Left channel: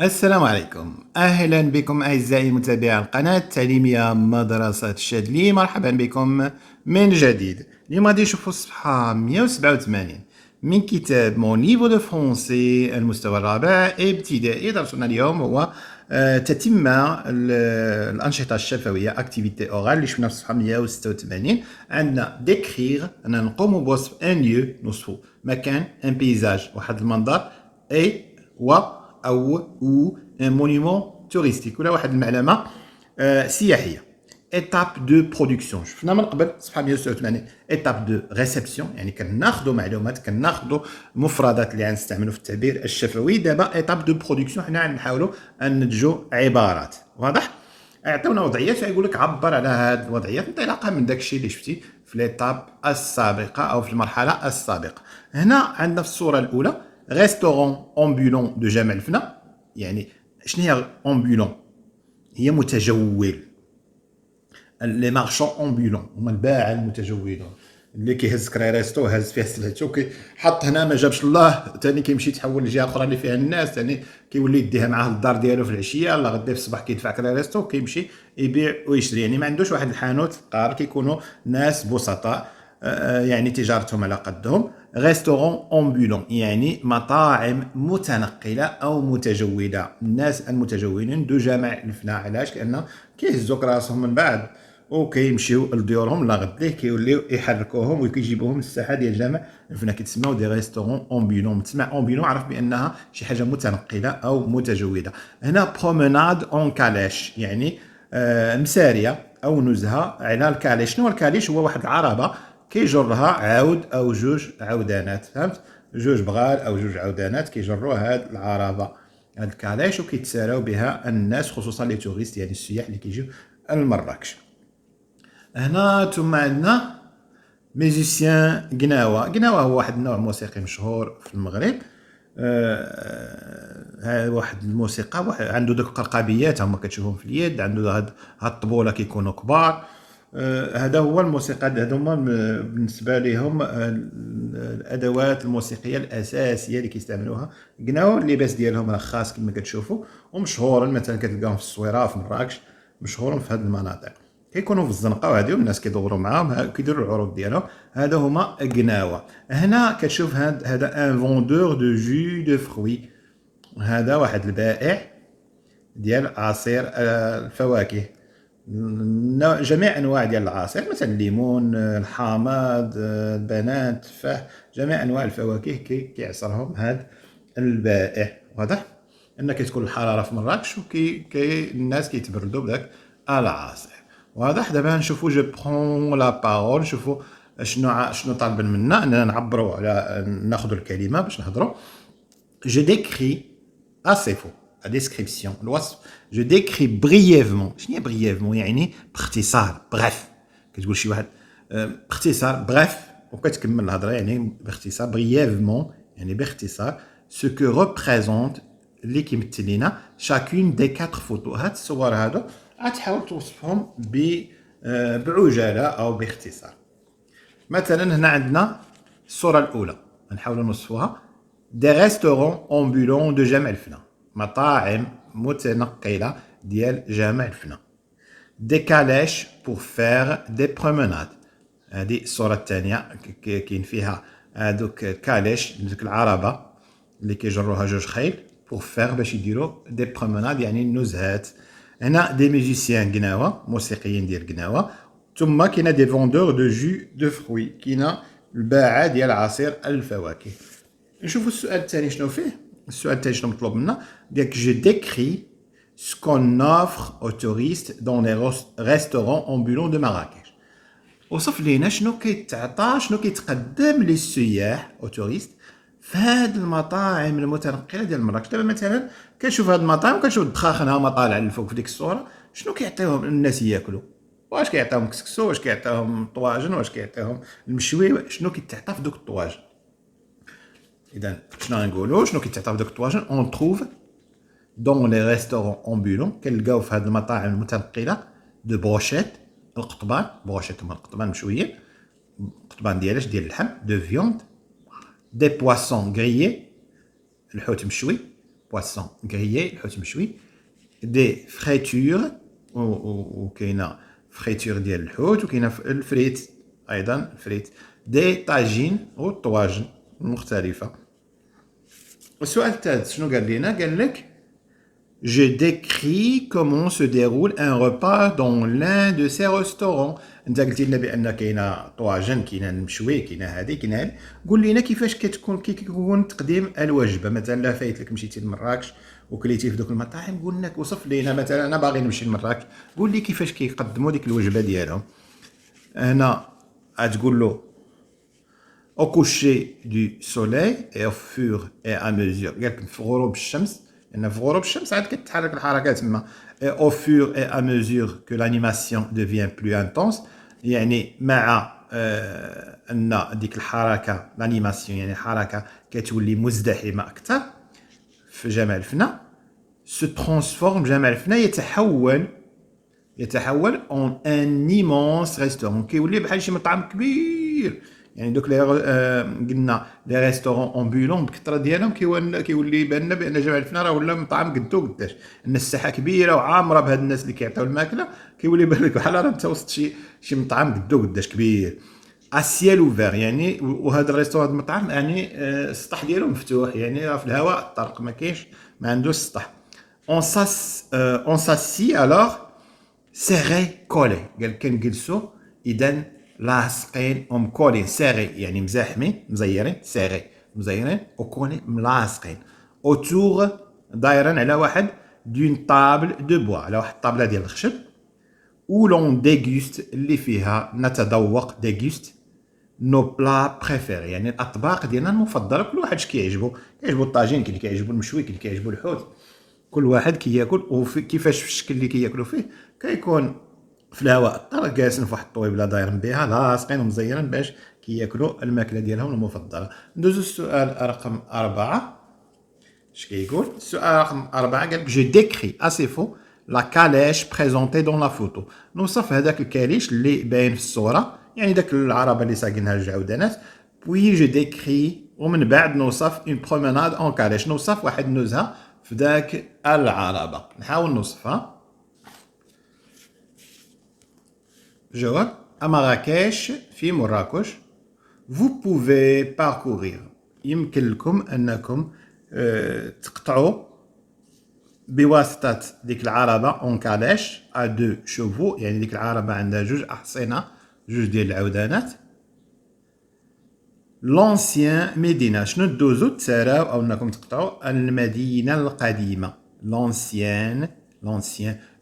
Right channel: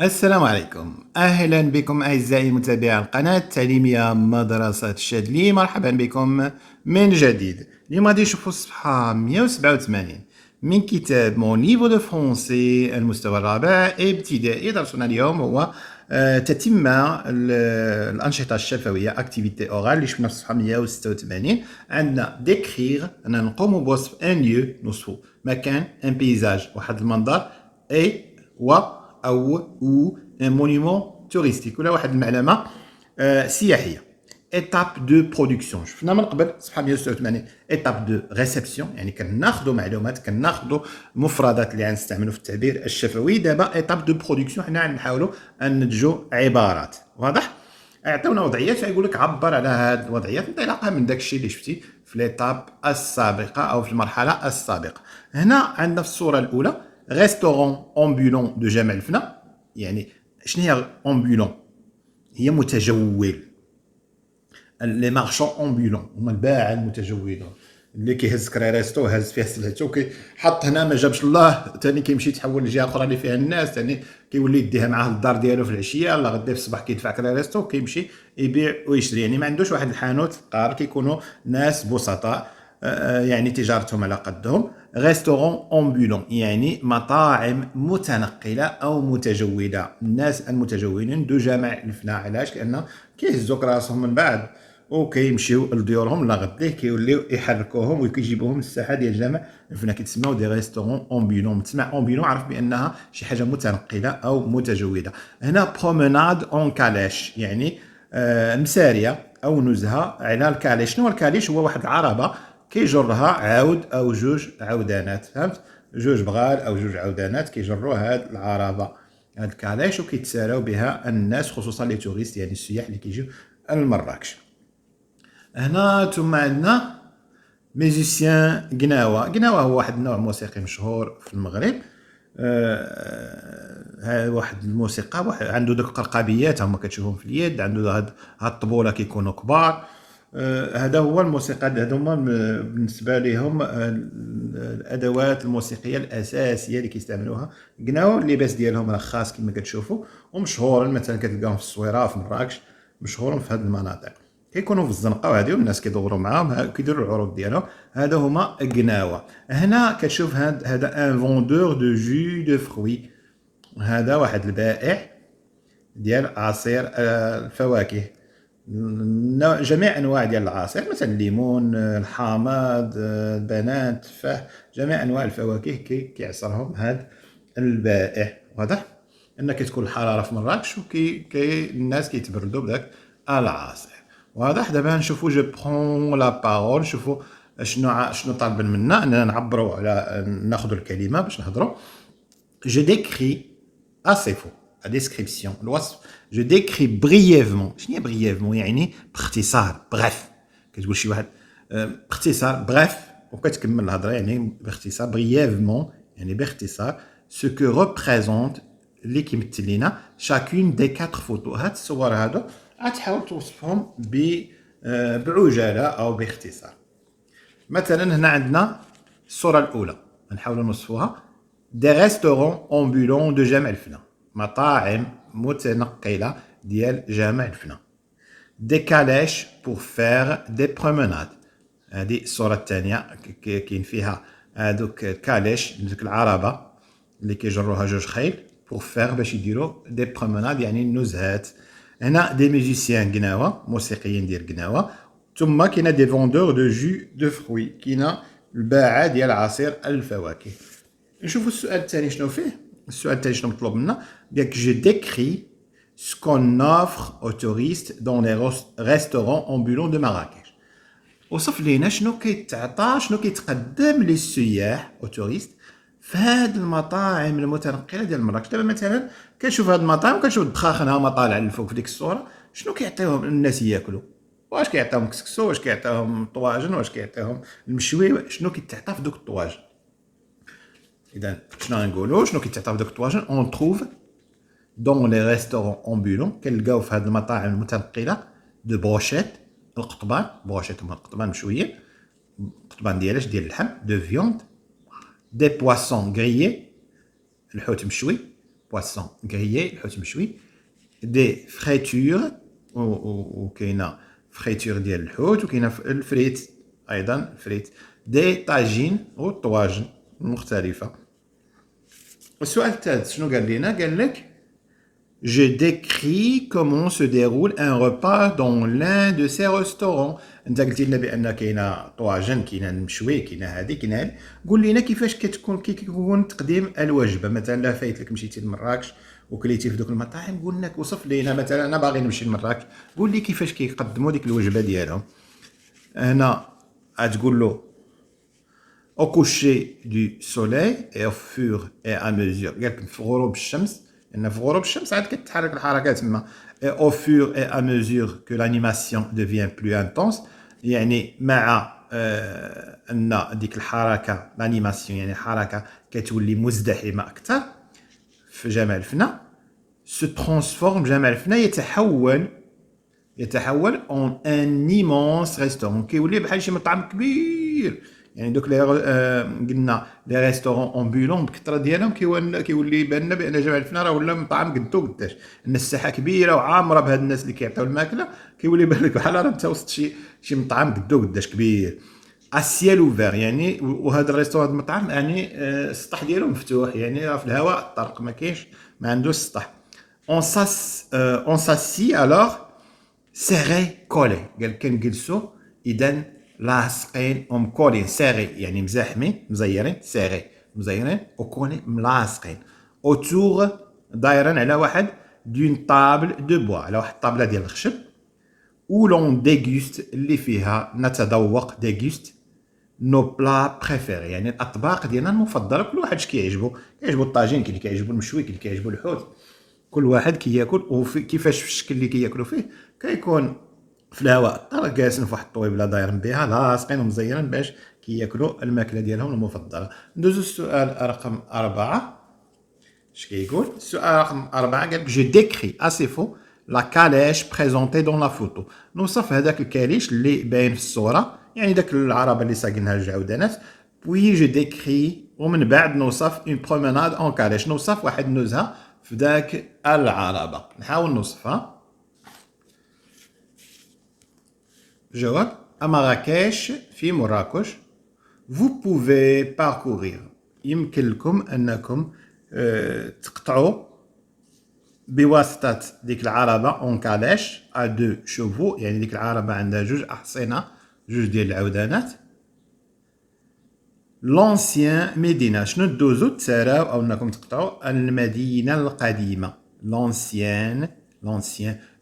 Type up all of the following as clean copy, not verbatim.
السلام عليكم، أهلا بكم أعزائي متابعي القناة التعليمية مدرسة الشاذلي. مرحبا بكم من جديد. اليوم غادي نشوفوا الصفحة 187 من كتاب مون ليفو دو فرونسي المستوى الرابع ابتدائي. درسنا اليوم هو تتمة الأنشطة الشفوية أكتيفيتي أورال اللي شفنا في الصفحة 186. عندنا ديكريغ، أننا نقوم بوصف ان ليو، نوصفو مكان، ان بيزاج، واحد المنظر، اي و او ان مونيمون توريستيك ولا واحد المعلمه سياحيه. ايتاب دو برودكسيون شفنا من قبل صفحه 186. ايتاب دو ريسبسيون يعني كناخذوا معلومات، كناخذوا مفردات اللي غنستعملوا في التعبير الشفوي. دابا ايتاب دو برودكسيون حنا غنحاولوا ان ننتجوا عبارات. واضح؟ عطاونا وضعيات فيقول لك عبر على هذه الوضعيات انطلاقا من داك الشيء اللي شفتي في ليتاب السابقه او في المرحله السابقه. هنا عندنا في الصوره الاولى ريستورون امبولون دو جمال الفنا. يعني شنو هي امبولون؟ هي متجول. لي مارشون امبولون هما الباعه المتجولين اللي كيهز كريريستو هز فيه سلعته حط هنا ما جابش الله ثاني كيمشي تحول لجهه اخرى اللي فيها الناس ثاني كيولي يديها معاه للدار ديالو في العشيه. الله غدا في الصباح كيدفع كريريستو كيمشي يبيع ويشري. يعني ما عندوش واحد الحانوت فقار، كيكونوا ناس بسطاء يعني تجارتهم على قدهم. ريستورون امبولون يعني مطاعم متنقله او متجوده. الناس المتجولين دو جامع الفناء. علاش؟ لان كيهزوا راسهم من بعد وكيمشيو لديورهم لا غديه كيوليو يحركوهم وكيجيبوهم للساحه ديال الجامع الفناء. كيتسموا دي ريستورون امبولون. تسمع امبولون عرف بانها شي حاجه متنقله او متجوده. هنا بروموناد اون كاليش يعني مساريه او نزهه على الكاليش. شنو الكاليش؟ هو واحد العربه كيجرها عاود او جوج عودانات. فهمت؟ جوج بغال او جوج عودانات كيجروا هاد العربه، هاد الكاليش، وكيتساراو بها الناس خصوصا لي توريست يعني السياح اللي كيجيو لمراكش. هنا ثم عندنا ميوزيسيان قناوة. قناوة هو واحد النوع موسيقي مشهور في المغرب. واحد الموسيقى عنده دوك القرقابيات هما كتشوفهم في اليد، عنده هاد الطبولة كيكونوا كبار. هذا هو الموسيقى، هذا هما بالنسبة لهم الأدوات الموسيقية الأساسية اللي كيستعملوها. قناوة اللباس ديالهم خاص كما كتشوفوا ومشهور، مثلا كتلقاهم في الصويرة في مراكش، مشهورين في هذه المناطق. كيكونوا في الزنقه وهادي والناس كيدوروا معاهم كيديروا العروض ديالهم. هذا هما قناوه. هنا كتشوف هذا ان فوندور دو جو دو فروي. هذا واحد البائع ديال عصير الفواكه. جميع انواع ديال العصير مثلا الليمون، الحامض، البنان، التفاح، جميع انواع الفواكه كيعصرهم هذا البائع. واضح ان كتكون الحراره في مراكش الناس كيتبردوا بداك العصير. واضح. دابا نشوفوا جو برون لا بارول. شوفوا شنو طالبين منا اننا نعبروا على ناخذوا الكلمه باش نهضروا. Je décris أصف ديسكريبسيون الوصف. جو ديكري برييفمون. شنو هي برييفمون؟ يعني باختصار، بغاف. كتقول شي واحد باختصار بغاف وكتكمل الهضره يعني باختصار. برييفمون يعني باختصار. سو كو ريبريزونت اللي كيمثل لنا شاكون دي كاتر فوتو. هاد الصور هادو غتحاول توصفهم بعجاله او باختصار. مثلا هنا عندنا الصوره الاولى نحاولوا نوصفوها. دي ريستورون امبولون دو جامع الفنا. مطاعم متنقله ديال جامع الفنا. دي كاليش بور فير دي بروموناد. هذه الصوره الثانيه كاين فيها هذوك كاليش ديك العربه اللي كيجروها جوج خيل بور فير باش يديروا دي بروموناد يعني النزهات. هنا دي ميوزيسيان قناوه، موسيقيين ديال قناوه. ثم كاينه دي فوندور دو جو دو فروي، كاينه الباعه ديال عصير الفواكه. نشوفوا السؤال الثاني شنو فيه. السؤال الثاني شنو مطلوب منا؟ قالك جو ديكري سكون اوفر او توريست دون لي ريستورون امبولون دو مراكش. وصف لينا شنو كيتعطى، شنو كيتقدم للسياح او توريست في هاد المطاعم المتنقله ديال مراكش. دابا مثلا كنشوف هاد المطاعم كنشوف الدخاخن هما طالع للفوق في ديك الصوره. شنو كيعطيوهم الناس ياكلوا؟ واش كيعطيوهم كسكسو، واش كيعطيوهم طواجن، واش كيعطيوهم المشوي؟ شنو كيتعطى في دوك الطواجن؟ اذا شنو غنقولوا شنو كيتعطى في دوك الطواجن؟ اون تروف دون لي ريستورون امبولون. كنلقاو في هاد المطاعم المتنقله دو بروشيت، القطبان. بروشيت هما القطبان مشويين، القطبان ديال ديال اللحم. دو فيوند، دي بواسون غريي، الحوت مشوي. بواسون غريي الحوت مشوي دي فريتور وكاينه فريتور ديال الحوت وكاينه الفريت ايضا فريت دي طاجين والطواجن مختلفه. السؤال الثالث شنو قال لنا؟ قال لك Je décris comment se déroule un repas dans l'un de ces restaurants. انت قلتي لنا بان كاينه طواجن كاينه المشوي كاينه هذه كاينه هذه، قول لنا كيفاش كيكون تقديم الوجبه. مثلا لا فايت لك مشيتي لمراكش وكليتي في دوك المطاعم، قول لك وصف لينا مثلا انا باغي نمشي لمراكش، قول لي كيفاش كيقدموا ديك الوجبه ديالهم. هنا غتقول له au coucher du soleil et au fur et à mesure. قال لك في غروب الشمس، ان في غروب الشمس عاد كتحرك الحركه تما. au fur et à mesure que l'animation devient plus intense، يعني مع ان ديك الحركه l'animation يعني الحركه كتولي مزدحمه اكثر في جمال الفنا. se transforme جمال الفنا يتحول en un immense restaurant، كيولي بحال شي مطعم كبير. يعني دوك قلنا لي ريستورون امبولون بالكثره ديالهم كيولي يبان لنا بان جمال الفنا راه ولا مطعم قدو قداش، ان الساحه كبيره وعامره بهاد الناس اللي كيعطيو الماكله، كيولي يبان لك بحال راه انت وسط شي مطعم قدو قداش كبير. اسيال اوفير يعني، وهذا الريستورون المطعم يعني السطح ديالو مفتوح، يعني راه في الهواء الطلق ما كاينش، ما عندوش سطح. اون ساسي الوغ سيغي كولي، قال كنجلسوا اذا لاصقين ومكولين. سيغي يعني مزاحمين مزيرين، سيغي مزيرين وكوني ملاصقين. اوتور دايرين على واحد دون طابل دو بوا، على واحد الطابله ديال الخشب. ولون ديغوست اللي فيها نتذوق، ديغوست نو بلا بريفيري يعني الاطباق ديالنا المفضله. كل واحد اش كيعجبو الطاجين، كاين اللي كيعجبو المشوي، كاين اللي كيعجبو الحوت، كل واحد كياكل وفي كيفاش في الشكل اللي كياكلوا فيه. كيكون في الهواء الطلق جالسين في واحد الطويبله دايرين بها لاصقين ومزيرين باش كياكلوا الماكله ديالهم المفضله. ندوزو السؤال رقم 4. اش كيقول السؤال رقم 4؟ قال جو ديكري اسي فو لا كاليش بريزونتي دون لا فوتو. نوصف هذاك الكاليش اللي باين في الصوره، يعني داك العربه اللي ساقينها الجعودانات. بوي جو ديكري، ومن بعد نوصف اون بروميناد اون كاليش، نوصف واحد النزهه في ذاك العربه. نحاول نوصفها. جواب: à Marrakech في مراكش vous pouvez parcourir، يمكن لكم انكم تقطعوا بواسطه ديك العربه اون كاليش ا دو شوفو، يعني ديك العربه عندها جوج احصنه، جوج ديال العودانات. لونسيان ميدينا، شنو دوزو تساراو او انكم تقطعوا المدينه القديمه. لونسيان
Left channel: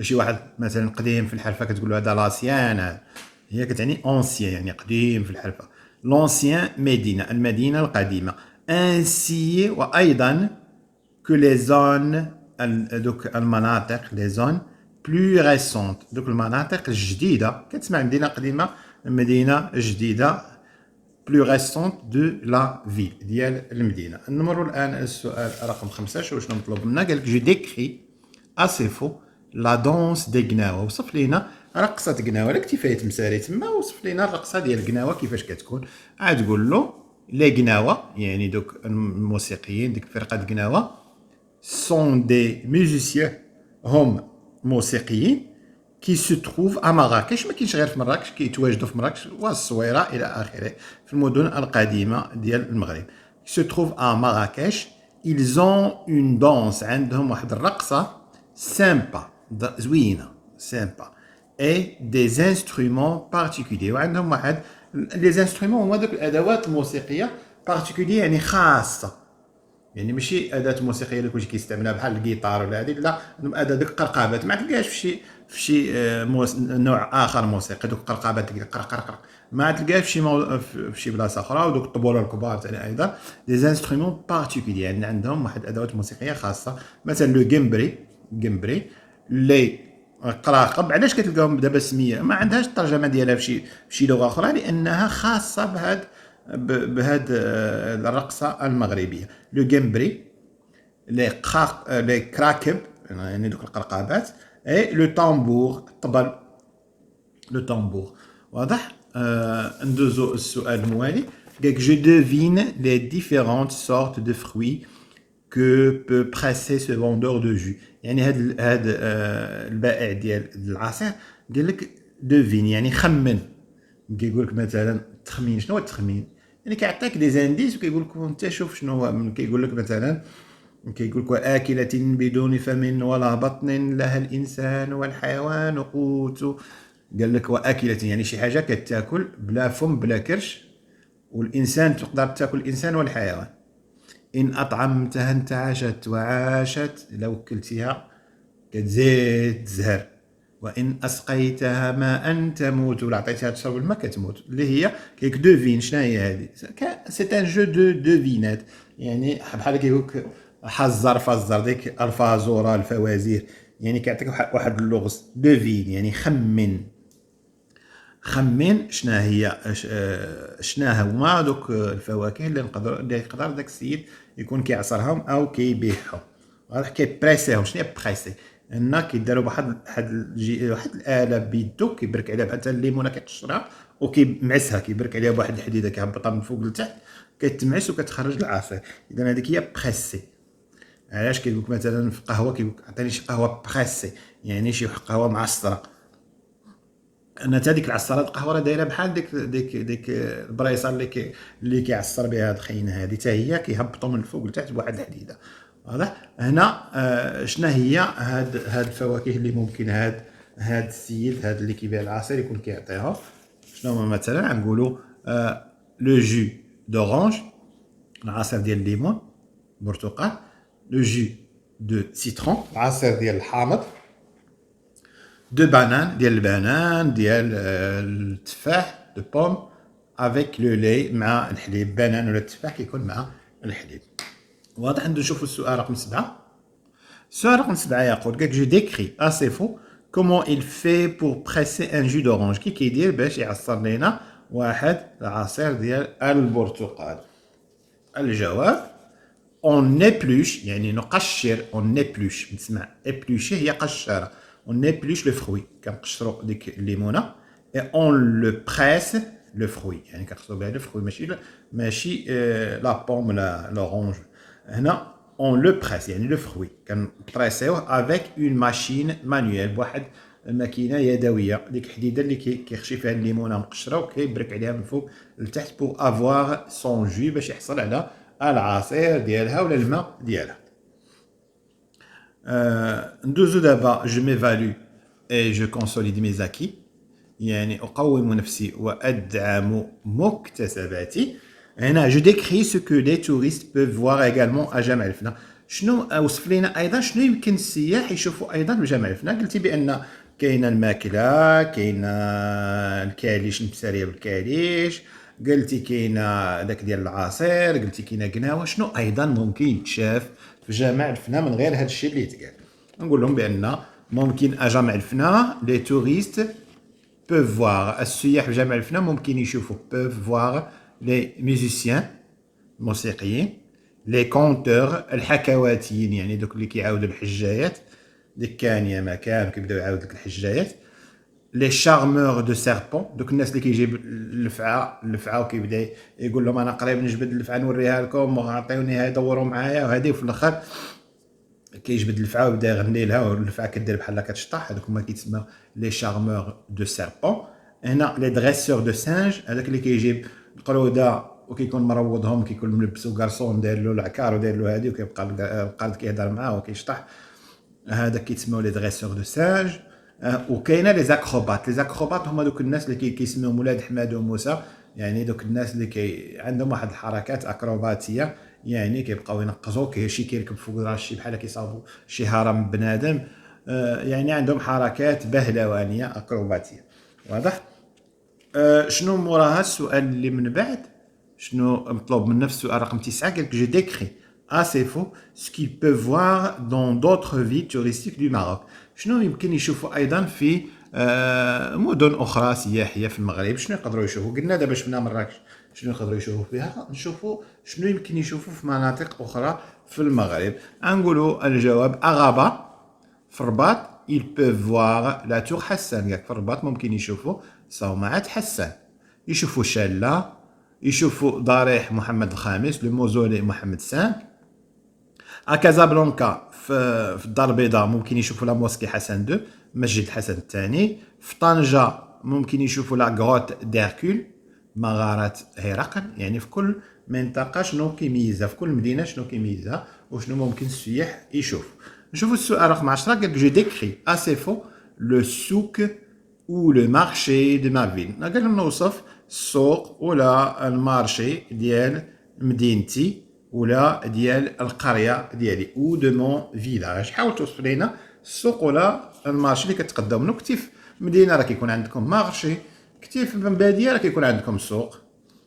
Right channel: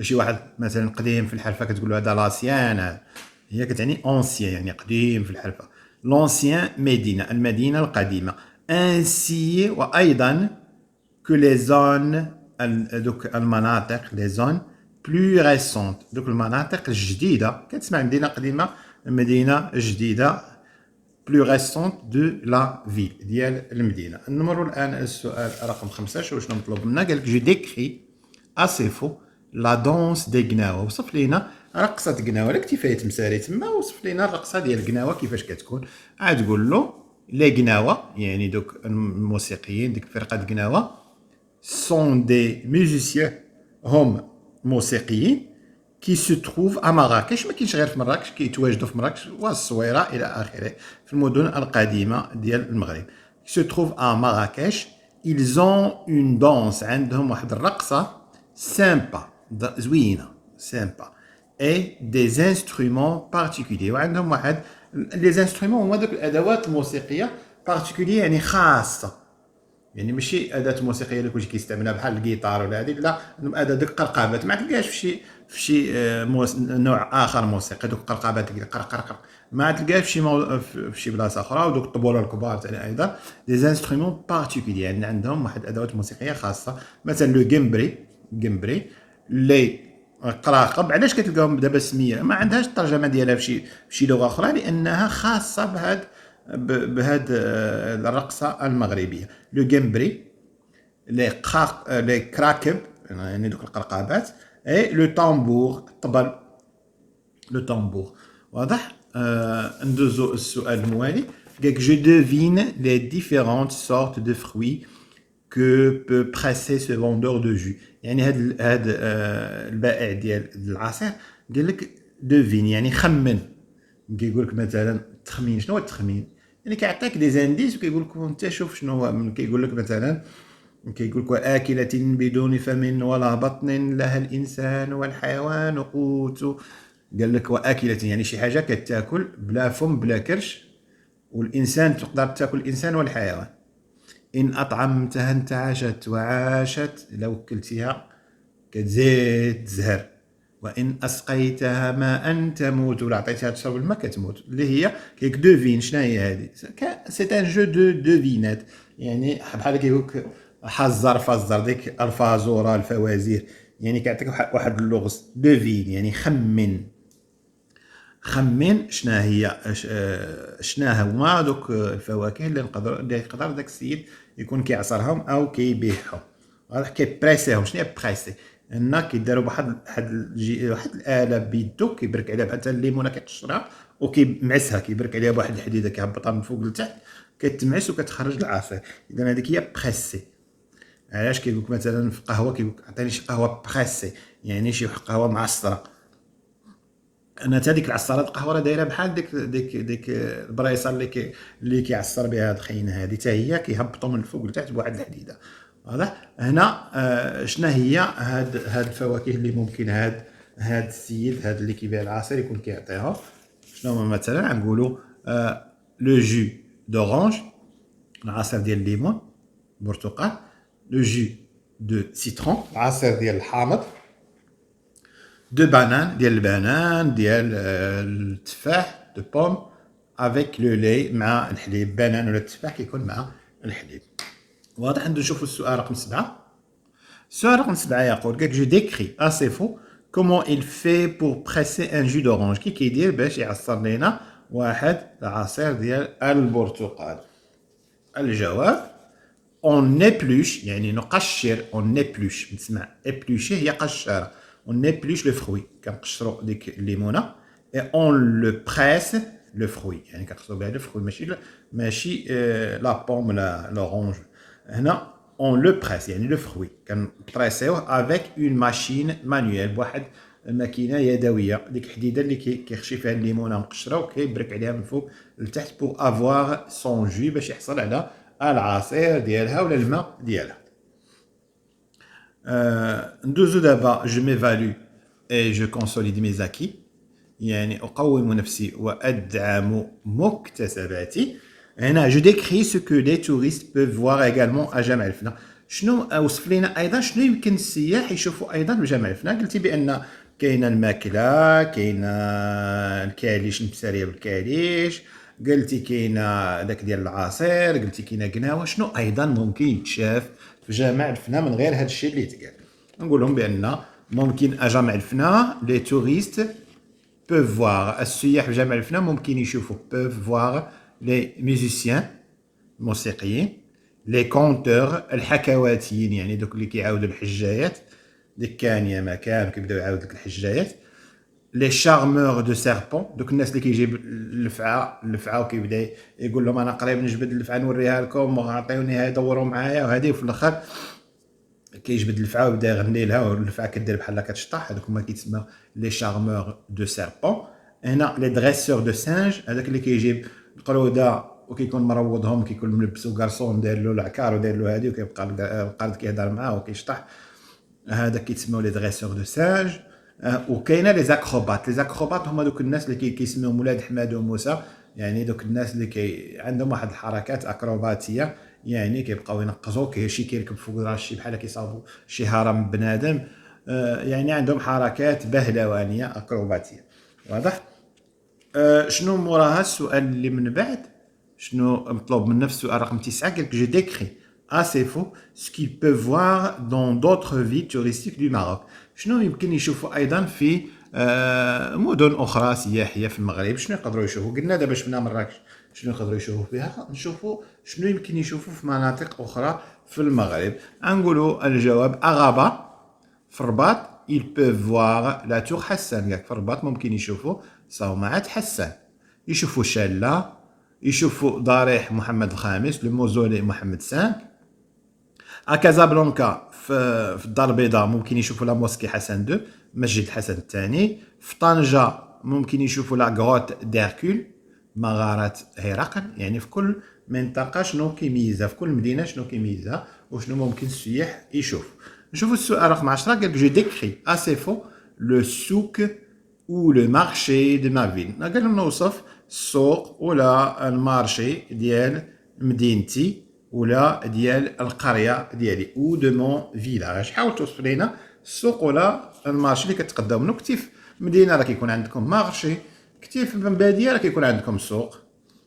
شي واحد مثلا قديم في الحرفه كتقول له هذا لاسيان، هي كتعني اونسيان يعني قديم في الحرفه. لونسيان ميدينا المدينه القديمه. انسي وايضا كو لي زون، دوك المناطق لي زون بلو ريسونت، دوك المناطق الجديده. كتسمع مدينه قديمه مدينه جديده plus récente de la ville ديال المدينه. نمروا الان السؤال رقم 5. شنو مطلوب منا؟ قال لك جو ديكري اسي فو لا دونس دي غناوه. وصف لينا رقصه غناوه، لك كيفاش تمساري تما، وصف لينا الرقصه ديال غناوه كيفاش كتكون. عاد تقول له لي غناوه يعني دوك الموسيقيين ديك فرقه غناوه سون دي ميوزيسيان، هم موسيقيين كي سو تروف ا مراكش، ما كاينش غير في مراكش، كيتواجدوا في مراكش والصويره الى اخره في المدن القديمه ديال المغرب. سو تروف ا مراكش ils ont une danse، عندهم واحد الرقصه سامبا زوينه سامبا، اي دي انسترومون بارتيكولي، وعندهم واحد لي انسترومون هما دوك الادوات الموسيقيه بارتيكولي يعني خاصه، يعني ماشي اداه موسيقيه اللي كلشي كيستعملها بحال الجيتار ولا هذيك، لا اداه ديك القرقابات ما تلقاهاش في شي نوع اخر موسيقي. دوك القرقابات قرقر ما تلقاهاش في شي بلاصه اخرى. ودوك الطبوله الكبار ثاني ايضا لي زانسترومون بارتيكولي، يعني عندهم واحد ادوات موسيقيه خاصه. مثلا لو جيمبري لي قراقب، علاش كتلقاهم دابا سميه ما عندهاش الترجمه ديالها في شي لغه اخرى، لانها خاصه بهاد الرقصه المغربيه. لو جيمبري لي كراكب يعني دوك القرقابات، اي لو طامبور الطبل، لو طامبور. واضح؟ ندوزو السؤال الموالي. قالك جو دوفين لي ديفيرونت سورت دو فروي que peut presser ce vendeur de jus. يعني هاد البائع ديال العصير قال لك دوفين، يعني خمن. كيقول لك مثلا التخمين. شنو هو التخمين؟ يعني كيعطيك دي زانديس وكيقول لك انت شوف شنو هو. كيقول لك مثلا، كيقول لك آكلة بدون فم ولا بطن لها الإنسان والحيوان قوت. قال لك وآكلة يعني شي حاجة كتاكل بلا فم بلا كرش، والإنسان تقدر تاكل الإنسان والحيوان. إن أطعمتها انتعشت وعاشت، إلا وكلتيها كتزيد تزهر. وإن أسقيتها ماء تموت، ولا عطيتها تشرب الماء كتموت. اللي هي كيك دوفين. شنو هي هذه؟ سي ان جو دو دوفينات، يعني بحال كيقول لك حزر فزر، ديك الفازوره الفوازير، يعني كيعطيك واحد اللغز. دوفين يعني خمن. خمن شنو هي، شنو هما دوك الفواكه اللي يقدر داك السيد يكون كيعصرهم او كيبيعهم. واضح؟ كيبريسيهم. شنو هي بريسي؟ هنا كيداروا بواحد واحد الاله بيدو، كيبرك عليها بحال الليمونه، كيقشرها وكيمعسها، كيبرك عليها بواحد الحديده كيهبطها من فوق لتحت، كتمعس وكتخرج العصير. اذا هذيك هي بريسي. علاش كيقول لك مثلا في القهوه كيقول لك عطيني شي قهوه بريسي، يعني شي قهوه معصره. انا حتى ديك العصارات القهوه راه دايره بحال ديك البريصه اللي كيعصر بها هاد الخيمه هادي، حتى هي كيهبطوا من الفوق لتحت بواحد الحديده. واضح؟ هنا شنو هي هاد الفواكه اللي ممكن هاد السيد هاد اللي كيبيع العصير يكون كيعطيها؟ شنو هما مثلا؟ نقولوا لو جو دورانج، العصير ديال الليمون برتقال. لو جو دو سيترون، العصير ديال الحامض. دو بانان، ديال البنان، ديال التفاح، دو بوم، افيك لو لي، مع الحليب. بنان ولا التفاح كيكون مع الحليب. واضح؟ نشوفوا السؤال رقم 7. السؤال رقم 7 يقول لك جو ديكري اسي فو كومون il fait pour presser un jus d'orange. كي كيدير باش يعصر لينا واحد العصير ديال البرتقال. الجواب on épluche، يعني نقشر. on épluche، نسمع éplucher هي قشاره. on épluche le fruit، كنقشروا ديك الليمونه. et on le presse le fruit، يعني كنقشروا بها الفروي، ماشي لا بوم ولا لورانج. هنا on le presse يعني لو فروي كنبريسيوه افيك اون ماشين مانيوال، بواحد الماكينه يدويه. ديك الحديده اللي كيخشي فيها الليمونه مقشره وكيبرك عليها من فوق لتحت بور افوار سون جو، باش يحصل على العصير ديالها ولا الماء ديالها. ندوزو دابا جو ميفالو اي جو كونسوليد مي زاكي، يعني اقوم نفسي وادعم مكتسباتي. هنا جو ديكري سو كو لي توريست بوف فوار ايغالمون ا جامع الفنا. شنو وصف لنا ايضا شنو يمكن السياح يشوفوا ايضا بجامع الفنا؟ قلتي بان كاينه الماكله، كاينه الكاليش، نبساريه بالكاليش، قلتي كاينه داك ديال العصير، قلتي كاينه قناوه. شنو ايضا ممكن يتشاف في جامع الفنا من غير هذا الشيء اللي تقال؟ نقول لهم بان ممكن جامع الفنا لي توريست peuvent voir السياح في جامع الفنا ممكن يشوفوا peuvent voir les musiciens موسيقيين، les conteurs الحكواتيين، يعني دوك اللي كيعاودوا الحجايات، ديك كان يا ما كان كيبداو يعاودوا لك الحجايات. لي شارمور دو سيربون، دوك الناس اللي كيجيب اللفعه وكيبدا يقول لهم انا قريب نجبد اللفعه نوريها لكم وعطيوني يدوروا معايا وهذه، وفي الاخر كيجبد الفعه ويبدا يغني لها والفعه كدير بحال كتشطح. هذوك هما كيتسموا لي شارمور دو سيربون. هنا لي دريسور دو سانج، هذاك اللي كيجيب القروده وكيكون مروضهم، كيكون ملبسو كارسون داير له العكار وداير له هذه، وكيبقى القاد كيهضر معاه وكيشطح. هذاك كيتسموا لي دريسور دو سانج. وكاينه لي زاكروبات. لي زاكروبات هما دوك الناس اللي كيسميهم ولاد حماد وموسى، يعني دوك الناس اللي عندهم واحد الحركات اكروباتيه، يعني كيبقاو ينقزوا، شي كيركب فوق راسي بحال كيصاوبوا شي هرم بنادم. يعني عندهم حركات بهلوانيه اكروباتيه. واضح؟ شنو موراها السؤال اللي من بعد؟ شنو مطلوب منا في السؤال رقم 9؟ قال لك جو ديكري assez faux ce qu'ils peuvent voir dans d'autres villes touristiques du Maroc. شنو يمكن يشوفوا ايضا في مدن اخرى سياحيه في المغرب؟ شنو يقدروا يشوفوا؟ قلنا دابا شفنا مراكش، شنو يقدروا يشوفوا فيها؟ نشوفوا شنو يمكن يشوفوا في مناطق اخرى في المغرب. نقولوا الجواب اغابه في الرباط. ils peuvent voir la tour حسان. في الرباط ممكن يشوفوا صومعة حسان، يشوفوا شلة، يشوفوا ضريح محمد الخامس، لو موزولي محمد 5. كازابلانكا في الدار البيضاء ممكن يشوفوا لا موسكي حسن دو، مسجد الحسن الثاني. في طنجة ممكن يشوفوا لا غروت ديركول، مغارة هرقل. يعني في كل منطقة شنو كيميزها، في كل مدينة شنو كيميزها وشنو ممكن السياح يشوفوا. نشوفوا السؤال رقم 10، قال لك جو ديكري اسي فو لو سوق ou le marché de ma ville. قال لهم نوصف السوق ولا المارشي ديال مدينتي ولا ديال القريه ديالي ou de mon village. حاول توصف لينا السوق ولا المارشي اللي كتقدم منه. كنتي في مدينه راه كيكون عندكم مارشي، كنتي في باديه راه كيكون عندكم سوق.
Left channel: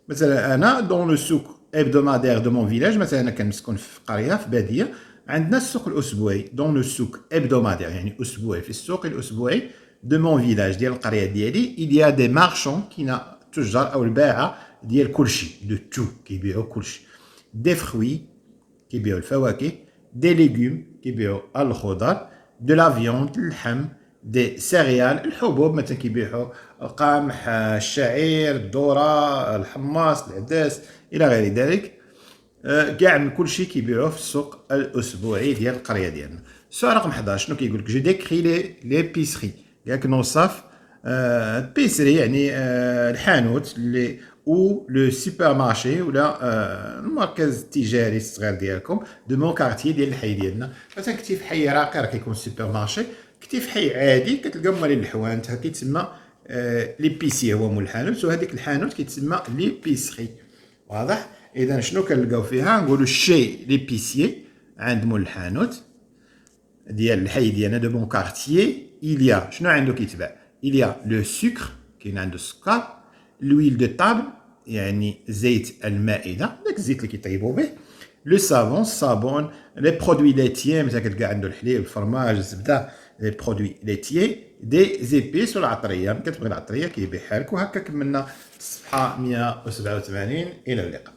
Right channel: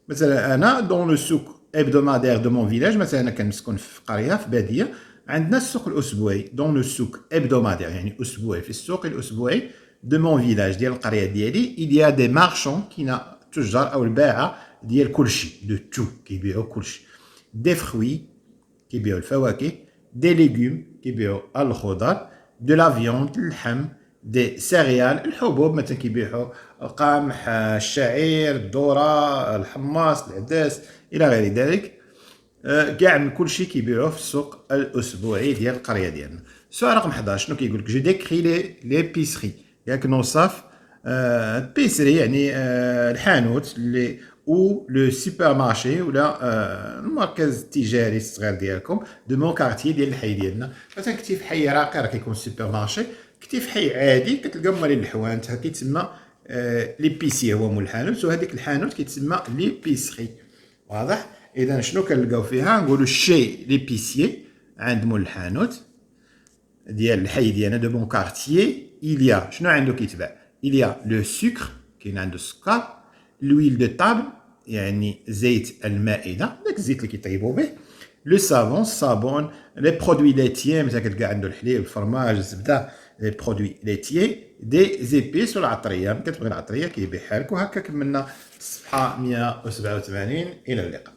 مثلا انا دون لو سوق hebdomadaire de mon village، مثلا انا كنسكن في قريه في باديه، عندنا السوق الاسبوعي دون لو سوق hebdomadaire يعني اسبوعي، في السوق الاسبوعي de mon village ديال القريه ديالي. il y a des marchands كاين تجار او الباعه ديال كلشي دو تو كيبيعوا كلشي. دي فروي كيبيعوا الفواكه، دي ليغوم كيبيعوا الخضر، دو لا فيوند اللحم، دي سيريال الحبوب مثلا كيبيعوا القمح الشعير الذره الحماص العدس الى غير ذلك. كاع من كل شيء كيبيعوه في السوق الاسبوعي ديال القريه ديالنا. السؤال رقم 11 شنو كيقول لك؟ جو ديكري لي بيسري، ياك نوصف البيسري يعني الحانوت اللي او لو سوبر مارشي ولا المركز التجاري الصغير ديالكم دو مون كارتي ديال الحي ديالنا. مثلا كنتي في حي راقي راه كيكون سوبر مارشي، كنتي في حي عادي كتلقى مالين الحوانت كيتسمى ليبيسي هو مول الحانوت، وهذيك الحانوت كيتسمى ليبيسري. واضح؟ اذا شنو كنلقاو فيها؟ نقولوا الشي ليبيسيي عند مول الحانوت ديال الحي ديالنا دو مون كارتيي. إليا شنو عنده كيتباع؟ إليا لو سكر كاين عنده السكر، لويل دو طابل يعني زيت المائده داك الزيت اللي كيطيبوا به، لو سافون الصابون، لي برودوي ليتيي مثلا كتلقى عنده الحليب الفرماج الزبده، لي برودوي ليتيي، دي زيبيس والعطريه. كتبغي العطريه كيبيعها لك. وهكا كملنا الصفحه 187. الى اللقاء.